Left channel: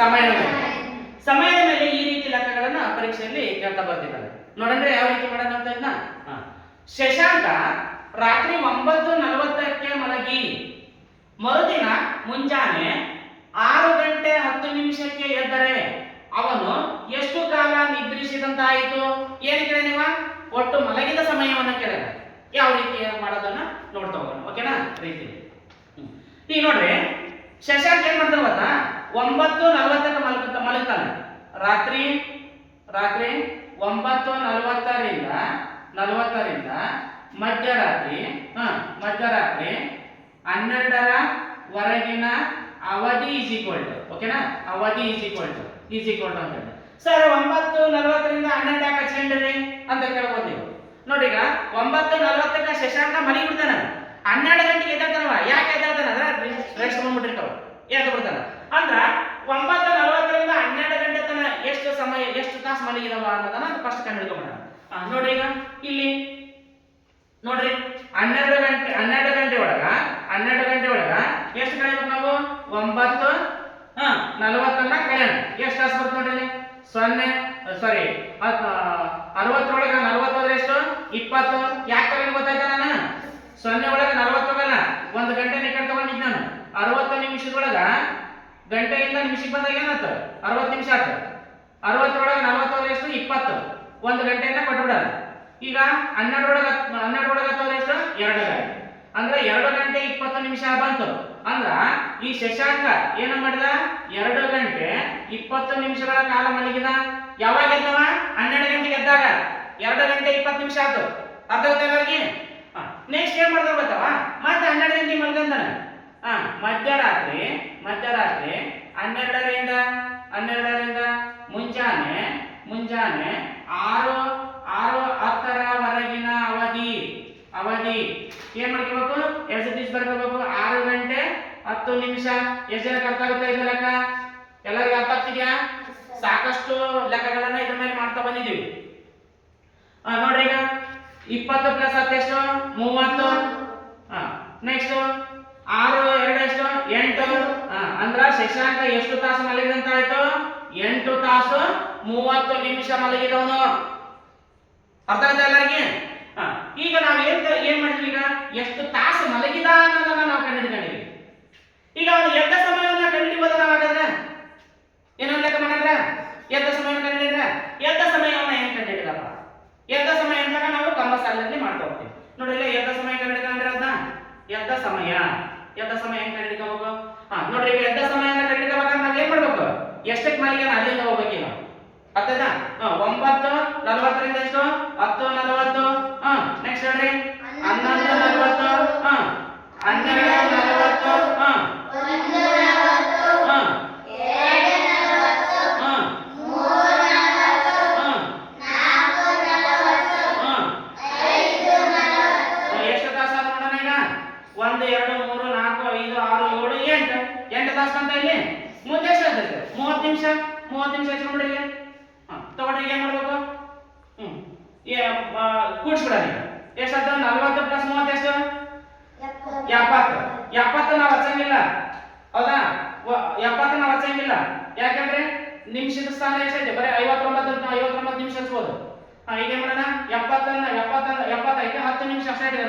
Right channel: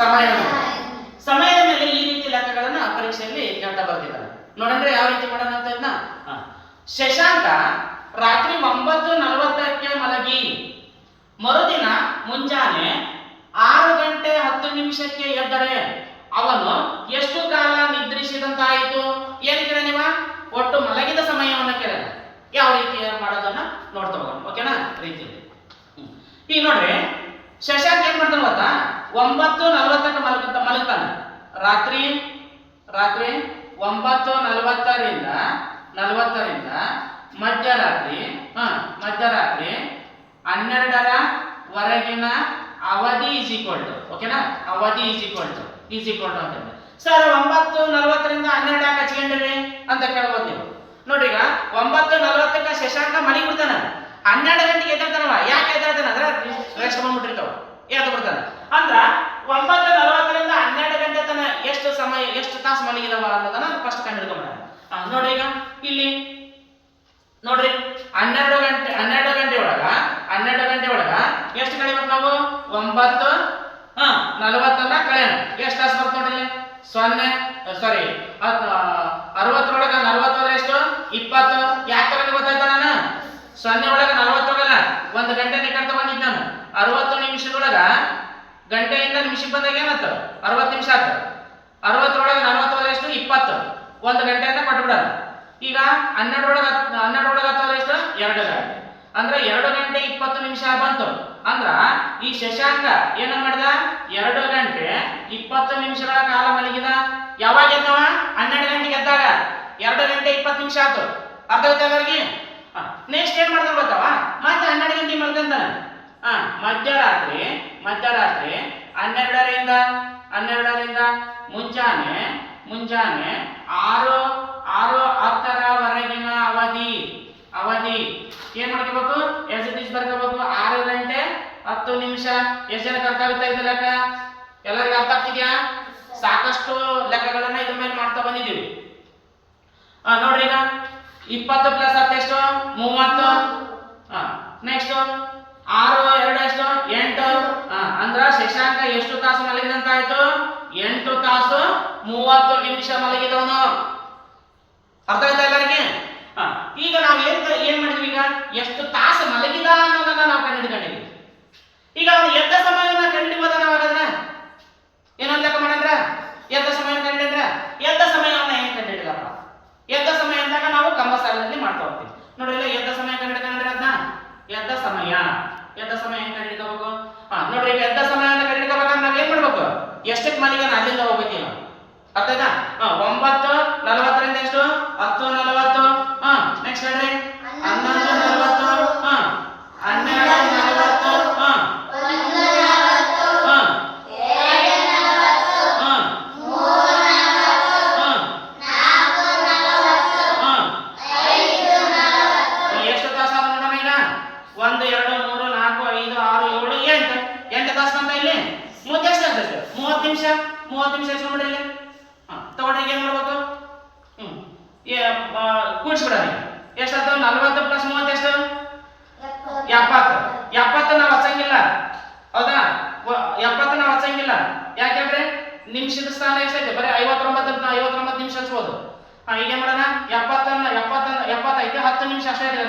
ಸಮಯದ ಸಮಯದ ಮೇಲೆ ಈ ರೀತಿ ಲೆಕ್ಕಗಳನ್ನ ಪರೀಕ್ಷೆಯಲ್ಲಿ ಕೇಳ್ತಾ ಬರ್ತಿದ್ದಾರೆ. ನೋಡಂದ್ರೆ ಯಾವ ರೀತಿ ಮಾಡೋಣ ಅಂತ ಇದನ್ನ. ಶಶಾಂಕ ರಾತ್ರಿ 9:40ಕ್ಕೆ ಮಲಗಿ ಮರುದಿನ ಮುಂಜಾನೆ 6:10 ಎದ್ದರೆ ಅವನು ಎಷ್ಟು ಕಾಲ ನಿದ್ರಿಸಿದಂತಾಯಿತು? ಏನ್ ಕೇಳ ನೀವ? ಒಟ್ಟು ಮಲಗಿದ ಸಮಯವನ್ನು ಕೇಳ. ಯಾವ ರೀತಿ ಮಾಡೋದನ್ನ ನೋಡ್ತಾ ಹೋಗೋಣ. ಓಕೆನಾ? ರೀತಿ ಈಗ ನೋಡ್ರಿ, ಶಶಾಂಕ್ ಏನ್ ಮಾಡ್ತಾನೆ ಗೊತ್ತಾ? 9:40ಕ್ಕೆ ಮಲಗ್ತಾನೆ. ರಾತ್ರಿ 9:40ರಿಂದ ಮಧ್ಯರಾತ್ರಿ 12ರವರೆಗಿನ ಅವಧಿ ಈಸ್ ಈಕ್ವಲ್ ಟು. ಓಕೆನಾ? ಅವಧಿ ಈಸ್ ಈಕ್ವಲ್ ಟು ಅಂತ ಇದೆ. ಸರ್ 9:40ರಿಂದ 12 ಯಾಕೆ ಹಚ್ಕೊಂಡ್ರಿ ಅಂತ ಕೇಳ್ಬೋದು ನೀವು. ನೋಡ್ರಿ, ಈಗ 9:40ಕ್ಕೆ ಶಶಾಂಕ ಮಲಿ ಬಿಡ್ತಾನ, 12 ಗಂಟೆಗೆ ಎದ್ದಾಡ್ತಾನವ. ಯಾಕೆ ಎದ್ದಾಡ್ತಾನ ಅಂದ್ರೆ ರೆಸ್ಟ್ ಬಂದ್ಬಿಟ್ಟಿರ್ತಾವ, ಎದ್ದು ಬಿಡ್ತಾನೆ. ಅಂದ್ರ 9:40ರಿಂದ 12 ಗಂಟೆ ತನ ಎಷ್ಟು ಸಮಯ, ಎಷ್ಟು ತಾಸು ಮಲಗಿದವ ಅನ್ನೋದನ್ನ ಫಸ್ಟ್ ಕಂಡು ಹಿಡ್ಕೊಂಡ್ಬಿಡ. ನೋಡ್ರಿ, ಈಗ ಇಲ್ಲಿ ನೋಡ್ರಿ, 12 ಗಂಟೆ ಒಳಗ ಎಷ್ಟು ಕಳಿಬೇಕು ನಾವು? 9:40 ಕಳೆಯೋಣ. ಎಷ್ಟು ತಾಸು ಬರ್ತದೆ ನೋಡ್ರಿ? 60 40 ಹೋದ್ರೆ ಎಷ್ಟು? 20. ಯಾಕೆ ತಗೊಂಡು ಗೊತ್ತಾಯ್ತಾ? ನಾನು 0 ಒಳಗೆ 40 ಹೋಗಲ್ಲ, 1 ಗಂಟೆ ಕಟ್ ತಗೊಂಡಿದ್ದು ನಾನು. 60 ನಿಮಿಷದೊಳಗ ಗಂಟೆಯಿಂದ ನಿಮಿಷಕ್ಕೆ ಬಂದಾಗ ಏನಾಯ್ತು? 60 ನಿಮಿಷ ಆಯ್ತು. 60 ಒಳಗೆ 40 ಹೋದ್ರೆ ಎಷ್ಟು? 20. 1 ಗಂಟೆಯಿಂದ ಕೊಟ್ಬಿಡೋಣ. ಈಗ 12 ಒಳಗೆ 10 ಎಷ್ಟು? 2 ಗಂಟೆ. ಅಂದ್ರೆ 2 ಗಂಟೆ 20 ನಿಮಿಷ ಬಂತು. ಅಂದ್ರ ಈ ಶಶಾಂಕ ಏನು ಮಾಡಿದ? 2 ಗಂಟೆ 20 ನಿಮಿಷಗಳ ಕಾಲ ಮಲಗಿದ. ಯಾವಾಗ ಎದ್ದವ? 12 ಗಂಟೆಗೆ ಎದ್ದಾಗ 2 ಗಂಟೆ 20 ನಿಮಿಷ ಆಯ್ತು. ಅರ್ಥ ಆಗುತ್ತೆ ಅವರಿಗೆ? ನೆಕ್ಸ್ಟ್ ಏನ್ ಮಾಡ್ತಾವ ಗೊತ್ತಾವ? ಮತ್ತೆ 12 ಗಂಟೆ ಮಲ್ಕೊಂತಾನೆ. ಮಧ್ಯರಾತ್ರಿ 12ರಿಂದ ಮುಂಜಾನೆ 6:10ರವರೆಗಿನ ಅವಧಿ ಏನ್ ಮಾಡ್ಕೋಬೇಕು? S it is ಬರ್ಕೋಬೇಕು. 6 ಗಂಟೆ 10 ನಿಮಿಷ. ಎಷ್ಟು ಜನಕ್ಕೆ ಅರ್ಥ ಆಗುತ್ತೆ ಇದು ಲೆಕ್ಕ? ಎಲ್ಲರಿಗೂ ಅರ್ಥ ಆಗ್ತಿದ್ಯಾ? ಸಾಕಷ್ಟು ಲೆಕ್ಕಗಳನ್ನ ಇದ್ರ ಮೇಲೆ ಮಾಡ್ತಾ ಬಂದಿದ್ದೀವಿ. ನೋಡ್ರಿ, ಈಗ 20 + 10 ಎಷ್ಟು? 30. ನೆಕ್ಸ್ಟ್ 6 2 ಎಷ್ಟು? 8. ಅಂದ್ರ ಶಶಾಂಕ ಎಷ್ಟು ತಾಸು ಮಲಗಿದಂತ ಆಯ್ತು? 8 ತಾಸು 30 ನಿಮಿಷ ಮಲಗಿದವನು. ಅರ್ಥ ಆಯ್ತಾ ಎಲ್ಲರಿಗೆ? ಈಗ ನಾವು ಏನ್ ಮಾಡಿದ್ವಿ? ಈಗ ಎಷ್ಟು ತಾಸು ಮಲಗಿದ ಅನ್ನೋದನ್ನ ನಾವು ಕಂಡುಹಿಡ್ಕೊಂಡಿವಿ. ಈಗ ಅವನು ಎದ್ದ ಸಮಯವನ್ನ ಕಂಡುಹಿಡಿಬೋದ? ನಾವು ಹಾಗಾದ್ರೆ ಏನೊಂದು ಲೆಕ್ಕ ಮಾಡಂದ್ರ ಎದ್ದ ಸಮಯವನ್ನು ಕಂಡುಹಿಡಿದ್ರ ಎದ್ದ ಸಮಯವನ್ನ ಏನ್ ಕಂಡುಹಿಡಿದಪ್ಪ? ಎದ್ದ ಸಮಯ ಅಂದಾಗ ನಾವು ಕಂಬ ಸಾಲಿನಲ್ಲಿ ಮಾಡ್ತಾ ಹೋಗ್ತೀವಿ. ನೋಡಿ, ಇಲ್ಲ ಎದ್ದ ಸಮಯ ಕಂಡುಹಿಡ್ಕೊಂಡ್ರೆ ಅದನ್ನ ಎದ್ದ ಸಮಯ ಹೆಂಗ್ ಕಂಡುಹಿಡ್ಕೋಬೇಕು? ನೋಡ್ರಿ, ಈಗ ಎದ್ದ ಸಮಯವನ್ನು ಕಂಡುಹಿಡ್ಕೋಬೇಕಂದ್ರೆ ನಾವ್ ಏನ್ ಮಾಡ್ಬೇಕು? ಎಷ್ಟಕ್ಕೆ ಮಲಗಿನ ಅಲ್ಲಿಂದ ಹೋಗ್ಬೇಕಿಲ್ಲ. ಅರ್ಥ ಆಯ್ತಾ? 9:40ರಿಂದ ಎಷ್ಟು? 10:40. ನೆಕ್ಸ್ಟ್ ಹೇಳ್ರಿ, 11:40. 12:40. ಎಷ್ಟು ತಾಸು ಆದ ನೋಡೋಣ. ಈಗ 1 2 3 4 5 6 7 8 ತಾಸು ಬಂತ. ಇಲ್ಲಿ 30 ಎಷ್ಟು ಆಗ್ತದೆ? 30 ನಿಮಿಷ. 30 ನಿಮಿಷ ಎಷ್ಟು ಮಾಡ್ರಿ? ಇಲ್ಲಿ ತಗೊಳ್ರಿ, ಏನ್ ಮಾಡ್ಬೇಕು? ಕೂಡಿಸ್ಬಿಡೋಣ. ಎಷ್ಟಾಯ್ತು? 40 + 30 ಎಷ್ಟು? 70. 70 ನಾವು ಹಚ್ಚಂಗಿಲ್ಲ, ಹೌದಾ? 70 ನಾವು ಹಚ್ಚಂಗಿಲ್ಲ. ಯಾಕಂದ್ರೆ ನಿಮಿಷದ ಸ್ಥಾನ ಎಷ್ಟೈತೆ? ಬರೀ 59 ನಿಮಿಷ ಹಚ್ಬೋದು. ಈಗ ಏನ್ ಮಾಡೋಣ? 70 ಐತೆ, 10 ನಿಮಿಷ ಅಷ್ಟೇ ಇದೆ.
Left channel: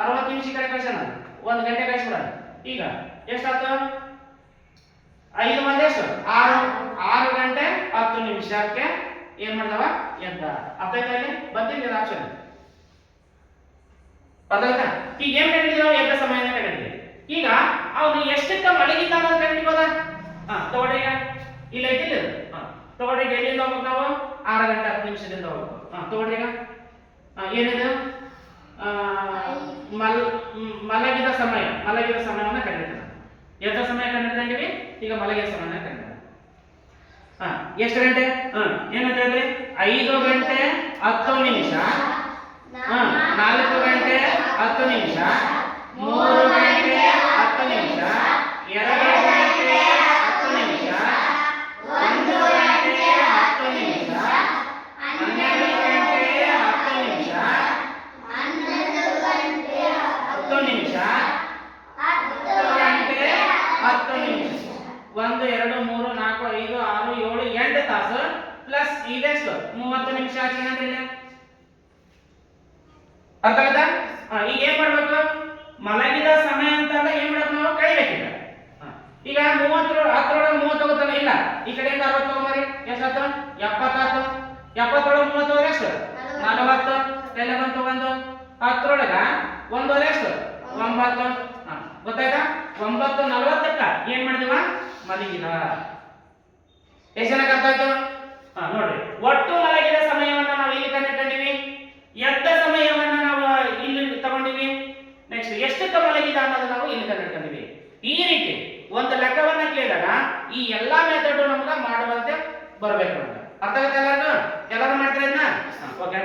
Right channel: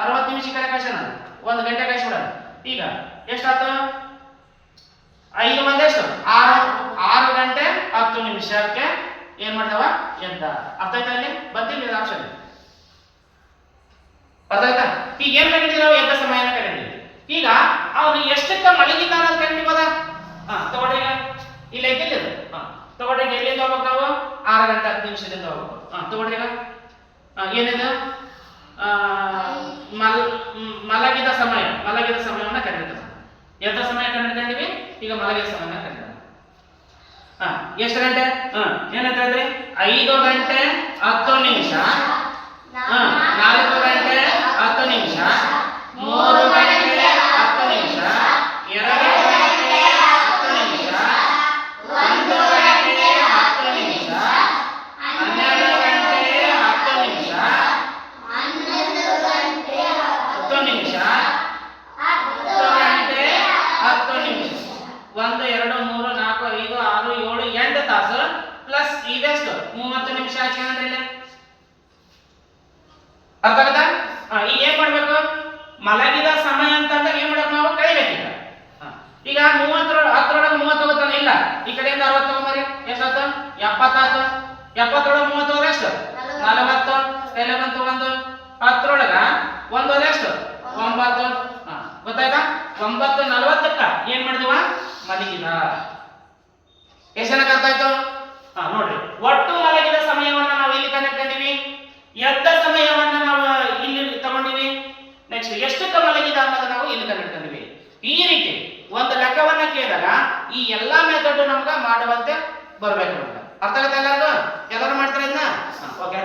60 ನಿಮಿಷ ಕಡೆ ಕಳ್ಸೋಣ, 1 ಗಂಟೆ ಕಳಿಸ್ಬಿಡೋಣ. ಈಗ ಎಷ್ಟಾಯ್ತು? 5 ಮಂದಿ ಎಷ್ಟು? 6 ಗಂಟೆ 10 ನಿಮಿಷಕ್ಕೆ ಏನ್ ಮಾಡ್ದವ? ಎದ್ದ. ಅರ್ಥ ಆಯ್ತಾ? ಇಲ್ಲಿ ಬಂದಿಲ್ಲ ಆಪ್ಷನ್. ಅರ್ಥ ಆಯ್ತಾ? ಈಗ ಏನ್ ಕಂಡಿದ್ದೀವಿ ನಾವು? ಎದ್ದ ಸಮಯನ ಕಂಡಿದ್ದೀವಿ. ಈಗ ಅವನು ಎಷ್ಟಕ್ಕೆ ಮಲಗಿದ್ದ ಅನ್ನೋದು ಕಂಡಿಬೋದ? ತಗೊಳ್ರಿ, ಈಗ ಇಲ್ಲ ಐತಿಲ್ಲ. ತಗೊಳ್ರಿ, ಎಲ್ಲಿಂದ ಹೋಗ್ಬೇಕು ನಾವು? 6 ಗಂಟೆ 10 ನಿಮಿಷದಿಂದ ಹೋಗ್ಬೇಕು. ತಗೊಳ್ರಿ, ಈಗ ಏನಿದೆ? ಮಲಗಿದ ಸಮಯವನ್ನ ಕಂಡಿದ್ದೀವಿ. ಎದ್ದ ಸಮಯ ಕಂಡಿದ್ದೀವಿ. ಈಗ ಮಲಗಿದ ಸಮಯನ ಕಂಡಿದ್ದೀವಿ. ಎಷ್ಟು ಗಂಟೆ? ಏನಂತ ಹೇಳಿದ್ರಿ? 5 ಗಂಟೆ 10 ನಿಮಿಷ, 4 ಗಂಟೆ 10 ನಿಮಿಷ, 3 ಗಂಟೆ 10 ನಿಮಿಷ, 2 ಗಂಟೆ 10 ನಿಮಿಷ, 1 ಗಂಟೆ 10 ನಿಮಿಷ, 12 ಗಂಟೆ 10 ನಿಮಿಷ, 10 ನಿಮಿಷ, 10 ಗಂಟೆ 10 ನಿಮಿಷ. 1 2 3 4 5 ಇವೆಷ್ಟು 30 ನಿಮಿಷ ಹಚ್ಕೊಂಡ್ರೆ ಇಲ್ಲ ಅರ್ಥ ಆಗದ ಈಗ ಏನ್ ಮಾಡ್ಬೇಕು ಮಲಗಿದ ಸಮಯ ಅಂತಂದ್ರೆ ಏನ್ ಮಾಡ್ಬೇಕು ನಾವು ಕಳಿಬೇಕೀಗ ಈಗ 30 10 30 ಇಲ್ಲ ಈ ಕಡೆಯಿಂದ 60 ತಗೊಂಬರಿ ಎಷ್ಟಾಯ್ತು 70 ಆಯ್ತು 70 30 ಎಷ್ಟು 40 ಕೈಲೆ ಬಂತು ಒಂದು 10 ಒಂದು ಎಷ್ಟು 9 ಗೊತ್ತಾಯ್ತಾ 9:40 ಏನ್ ಮಾಡಿದೀವ ಮಲಗಿದ ಎಷ್ಟು ಜನಕ್ಕೆ ಅರ್ಥ ಆಯ್ತು ನೋಡ್ರಿ ಒಟ್ಟು ಮಲಗಿದ ಸಮಯವನ್ನ ನಾವು ಇಲ್ಲಿ ಕಂಡಿದ್ದೀವಿ ಎದ್ದ ಸಮಯವನ್ನ ನಾವು ಇಲ್ಲಿ ತಗೊಂಡಿವಿ ನೆಕ್ಸ್ಟ್ ಎಷ್ಟಕ್ಕೆ ಮಲಗಿದ ಅನ್ನೋದನ್ನ ನಾವು ಇಲ್ಲಿ ಕಂಡಿದ್ದೀವಿ ಈ ರೀತಿ ಒಂದು ಲೆಕ್ಕವನ್ನ ಕೇಳಿದಾಗ ಈ ಎಲ್ಲಾ ಮೆಥಡ್ ನಮ್ಗೆ ಮಾಡುವಂತೆ ಬರಬೇಕು ಅಂತ ಅರ್ಥ ಆಗುತ್ತಾ ಎಲ್ಲರೂ ಮಾಡ್ತಾರೆ ಇದನ್ನ ಓಕೆ